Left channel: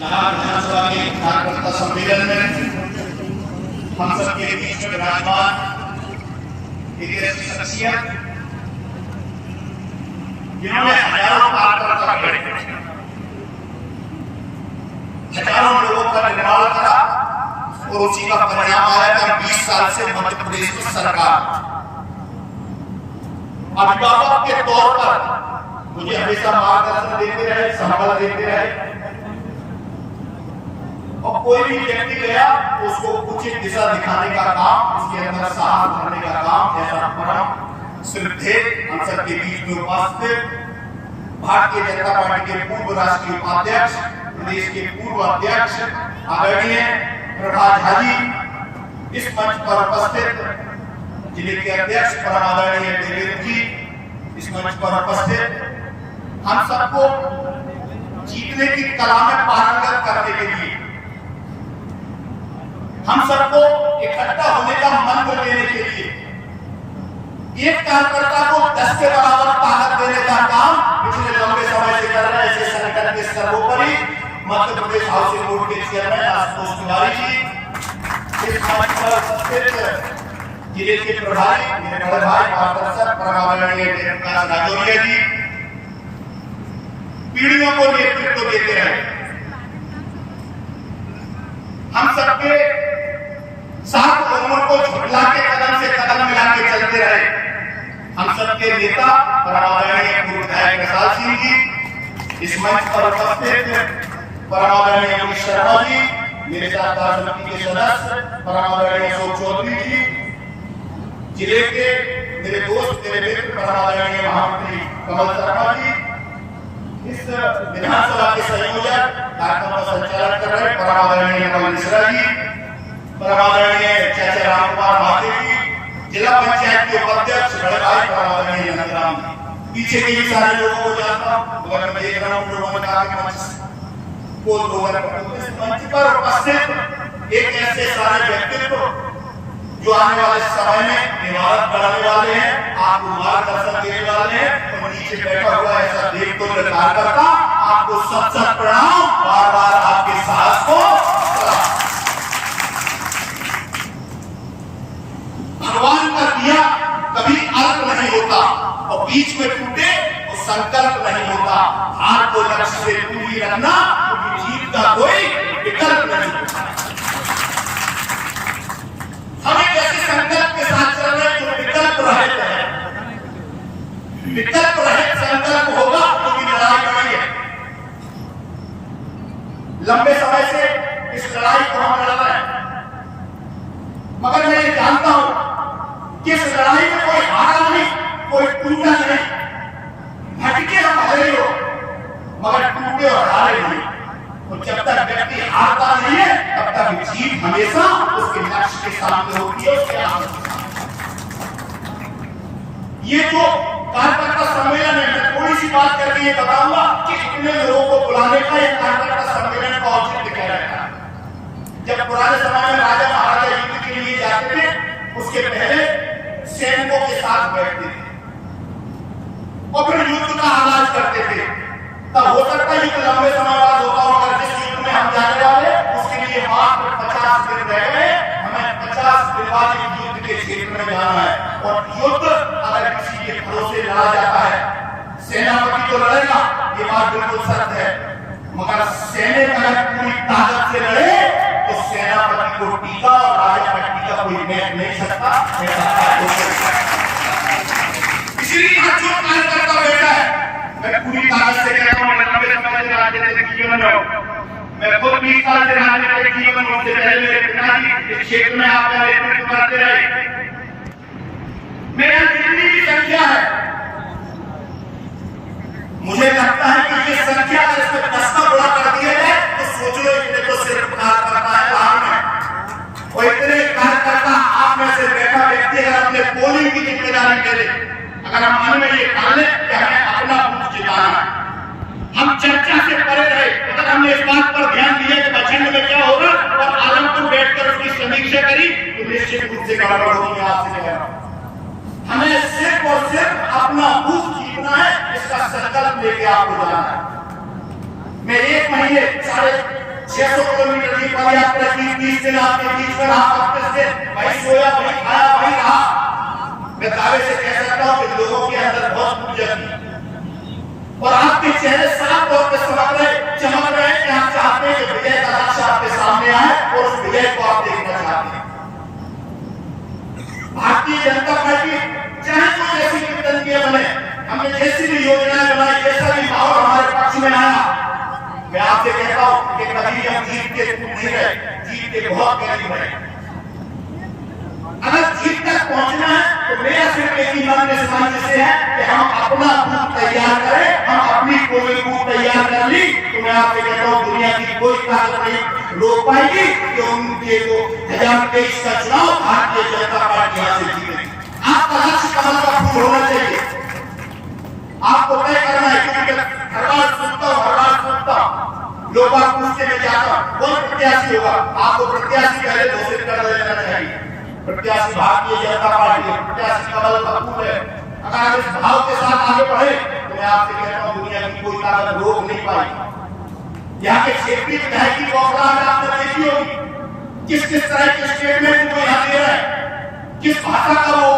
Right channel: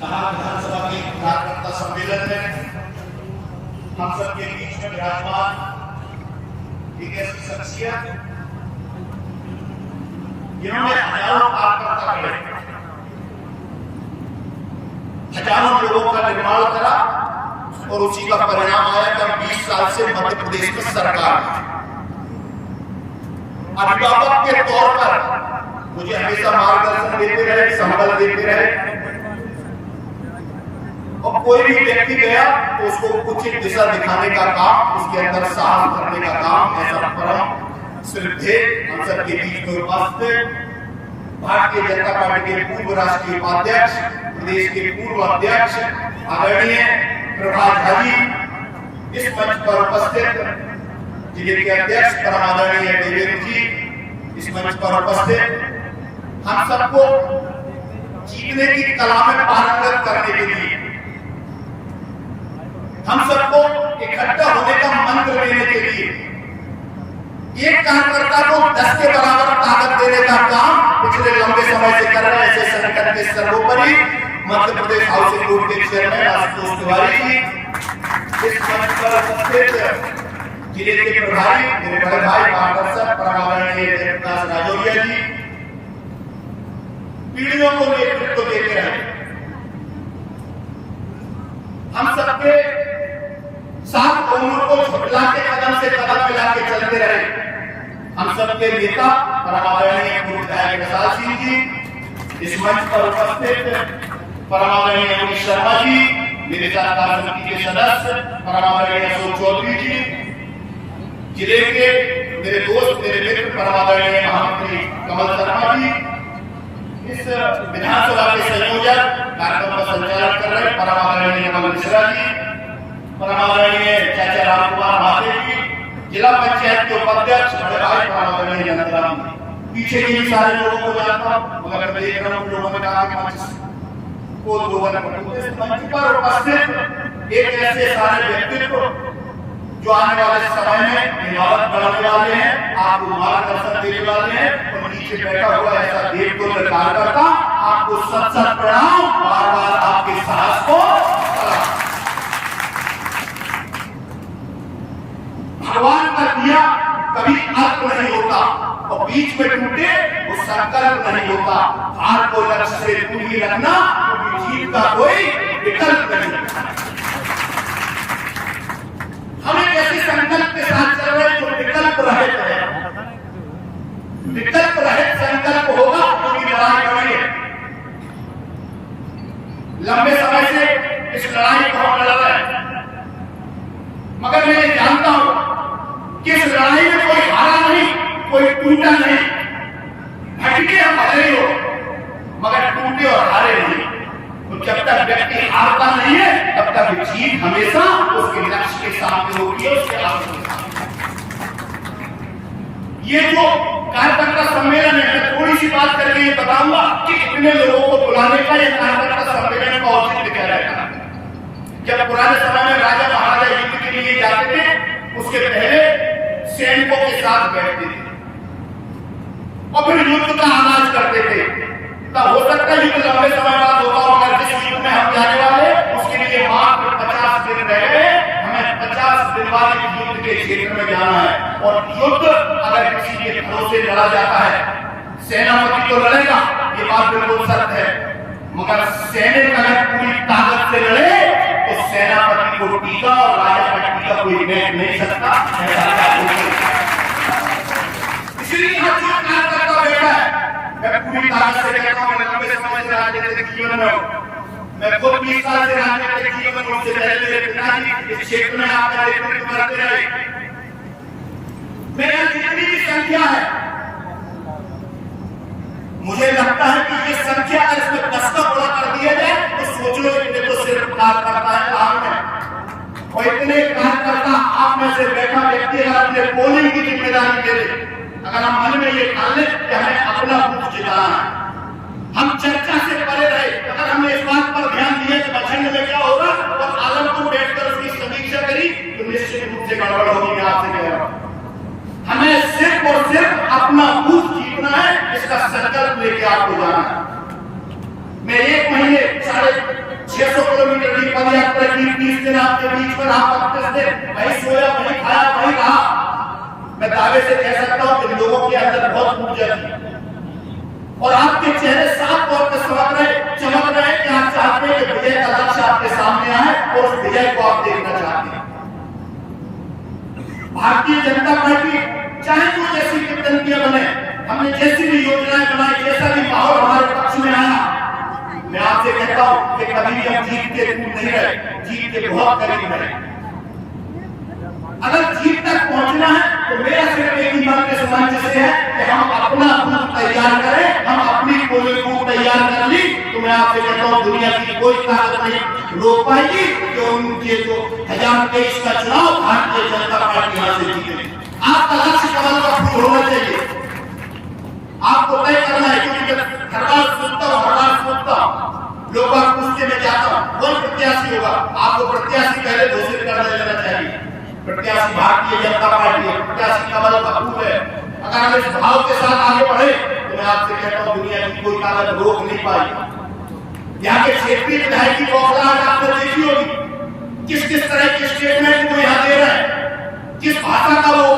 जहां विधानसभा के कार्यकर्ता सम्मेलन में हम सबके बीच में विराजमान एक ऐसी शख्सियत जिन्होंने हजारों कार्यकर्ता गढ़े, हजारों लोगों का निर्माण करा और उसी का परिणाम आया कि 20 साल से मध्य प्रदेश में सरकार अभिभावक के तौर पर मुझे हमेशा मार्गदर्शन देते रहे, संबल देते रहे और कोई भी व्यक्ति गया तो उसको उचित दिशा दिखाने का काम, उसके अंदर साहस करने का काम ऐसा परम श्रद्धेय हम सबके बीच में उपस्थित भारतीय जनता पार्टी के पूर्व राष्ट्रीय उपाध्यक्ष, प्रदेश के पूर्व अध्यक्ष आदरणीय प्रभात झा जी, इस मंच पर उपस्थित जिले के अध्यक्ष परम आदरणीय देवेंद्र जी, इस मंच पर उपस्थित हम सबको जीतने की कला में पारंगत करने के लिए, हम सबको इकट्ठा होने का मंत्र देने के लिए, एक कार्यकर्ता को 10 के बराबर ताकत देने का काम पिछले लंबे समय से कर रहे ऐसे संगठन के सर्वोपरि मध्य प्रदेश हाउसिंग बोर्ड के चेयरमैन आशुतोष तिवारी जी, इस मंच पर उपस्थित जिले के प्रभारी मेरे बड़े भाई मार्गदर्शक परम आदरणीय जयप्रकाश राजौरिया जी, पीढ़ियों को नेतृत्व देते रहे, हम सबके साथ उम्र को झुकला के कदम से कदम मिला के चलते रहे, हम सबके नेता परम आदरणीय पूर्व विधायक प्रसाद सिंह जी, इस मंच पर उपस्थित परम आदरणीय अमित शर्मा जी, मेरे साथ कार्य समिति के सदस्य परम आदरणीय अशोक चौधरी जी, जिले के मेरे दोस्त मेरे मित्र परम आदरणीय महामंत्री कमल शर्मा जी, इस विधानसभा के संयोजक कार्यक्रम का संचालन कर रहे परम आदरणीय कमल मिश्रा जी, परम आदरणीय चाचा रामकुमार माथे जी, जिला पंचायत के उपाध्यक्ष बड़े भाई परम आदरणीय नंदराम जी, पीछे के भी सारे लोगों को जानता हूं मगर मैं देख रहा हूं लोगों ने कहा कि मंच को लोगों इस मंच पर उपस्थित एक ऐसे सारे व्यक्तित्व जो आने वाले समय में इमारत बढ़ने वाले हैं, आपको मार्गदर्शन देने वाले हैं और नीचे बैठा हुआ ऐसा देवतुल्य कार्यकर्ता आपको सत सत प्रणाम, बार बार आपके साहस को सलाम। भगवान का दिया कभी अर्थ नहीं होता और बीच में टूटे वो संकल्प नहीं होता, हार को लक्ष्य से दूर ही रखना क्योंकि जीत का कोई विकल्प नहीं होता। हम एक ऐसे संकल्प के साथ चल रहे हैं जो विकल्प रहित है, विकल्प रहित संकल्प होगा क्योंकि लड़ाई बड़ी है, लंबे समय से इस लड़ाई को हम लड़ रहे हैं, मगर मैं ये जानता हूं कि इस लड़ाई में कोई हारा नहीं, कोई टूटा नहीं, भटके हम भले ही हो मगर टूटे और हारे नहीं। तो जब तक व्यक्ति हारता नहीं है तब तक जीत हमेशा उसके लक्ष्य के सामने होती है, उसके आगे के सामने। ये जो कार्यकर्ता सम्मेलन है, मैं थोड़ी सी बात करके ये बताऊंगा कि इतने लोगों को बुलाने का ये कार्यकर्ता सम्मेलन का औचित्य क्या रहता है। जब पुराने समय में राजा महाराजा युद्ध के लिए जाते थे, उसके पहले सैनिकों के साथ बैठते थे और फिर युद्ध का आगाज करते थे। तब हो सकता है युद्ध लंबे समय बाद होगा, मगर जिस युद्ध में हम जाने वाले उसके लिए मात्र 50 दिन रह गए, हमें 50 दिन बाद युद्ध के क्षेत्र में जाना है। और युद्ध अगर किसी के भरोसे लड़ा जाता है, सेनापति तो लड़ेगा, ये बात बिल्कुल सत्य है, मगर सैनिक अगर पूरी ताकत से लड़े तो सेनापति को टीका और राजा का टीका कोई मैच नहीं सकता। इसलिए कार्यकर्ता बैठा है, मैं पूरी ताकत से कहता हूं, मैं लंबे समय से राजनीतिक जीवन में हूं, मैं खुद 20 साल से राजनीतिक जीवन में, उससे पहले मेरे पिताजी इस क्षेत्र में आपका नेतृत्व करते रहे। मेरे जितनी भी संख्या है, मुझे लगता है कि ये संख्या अगर इसमें 10 का बड़ा कर दिया जाए तो सोच लो इतने तो सिर्फ कार्यकर्ता है लाभ में, और इतने कार्यकर्ता आप में से बैठा व्यक्ति अगर अपने पोलिंग की जिम्मेदारी ले ले, अगर हम मन में ये ठान लें कि हमें अपना बूथ जिताना है, हम चर्चा से परे रहे, अगर हमने इस बात पर ध्यान दिया कि बछंड में क्या होगा और आलमपुर बैठकर उसकी समीक्षा करी तो निश्चित रूप से गड़बड़ होगी। मैं आपसे कह रहा हूं हमें सिर्फ और सिर्फ अपना बूथ जीतना है, इसका संकल्प लेके आपको जाना है। मैं 1 महीने 3.5 600 किलोमीटर की पद यात्रा की, 30 दिन आपके बीच में रहा, 25 दिन वही सोया, वही खाया, वही रहा। मैं दावे से कह सकता हूं कि लोगों के अंदर बहुत ऊर्जा थी और आपके चेहरे साफ तौर पर चमक रहे हैं कि आप चाहते हैं कि विजय का लक्ष्य आपके सामने आए और उस विजय को आप देखना चाहते हैं। भारतीय जनता पार्टी चाहे कोई ऐसी कितनियां बने, हमने जैसी भी योजनाएं बनाई, जैसा भी माहौल हमारे पक्ष में आया, मैं आपसे कहता हूं कि कभी भी हम जीत के दूर नहीं रहे, जीत के बहुत करीब रहे। अगर जीत तक पहुंचना है तो मेरा सिर्फ एक ही मंत्र समंजस है कि हम अपना बूथ तैयार करें, हम अपनी पोलिंग बूथ तैयार कर ली तो मैं आपसे कहता हूं दुनिया की कोई ताकत नहीं रोक पाएगी कि उनके जो 2023 का चुनाव भारतीय जनता पार्टी यहां से जीतेगी। आपका लक्ष्य कमल का फूल होना चाहिए, आपको तय करना है। क्योंकि हर बार सुनता हूं लोग बात पूछते में जाता हूं कौन प्रत्याशी होगा, आपको प्रत्याशी पहले घोषित कर देना चाहिए। प्रत्याशी भारतीय जनता पार्टी है, प्रत्याशी कमल का फूल है। अगर हम इस भाव के साथ आगे बढ़े तो मैं आपसे कहता हूं दुनिया की कोई ताकत रोक नहीं पाएगी। यहाँ के क्षेत्रीय विधायक की बौखलाहट आपने देखी होगी, किस किस तरह के स्टेटमेंट वो यहाँ दे रहे हैं, किस भाषा का वो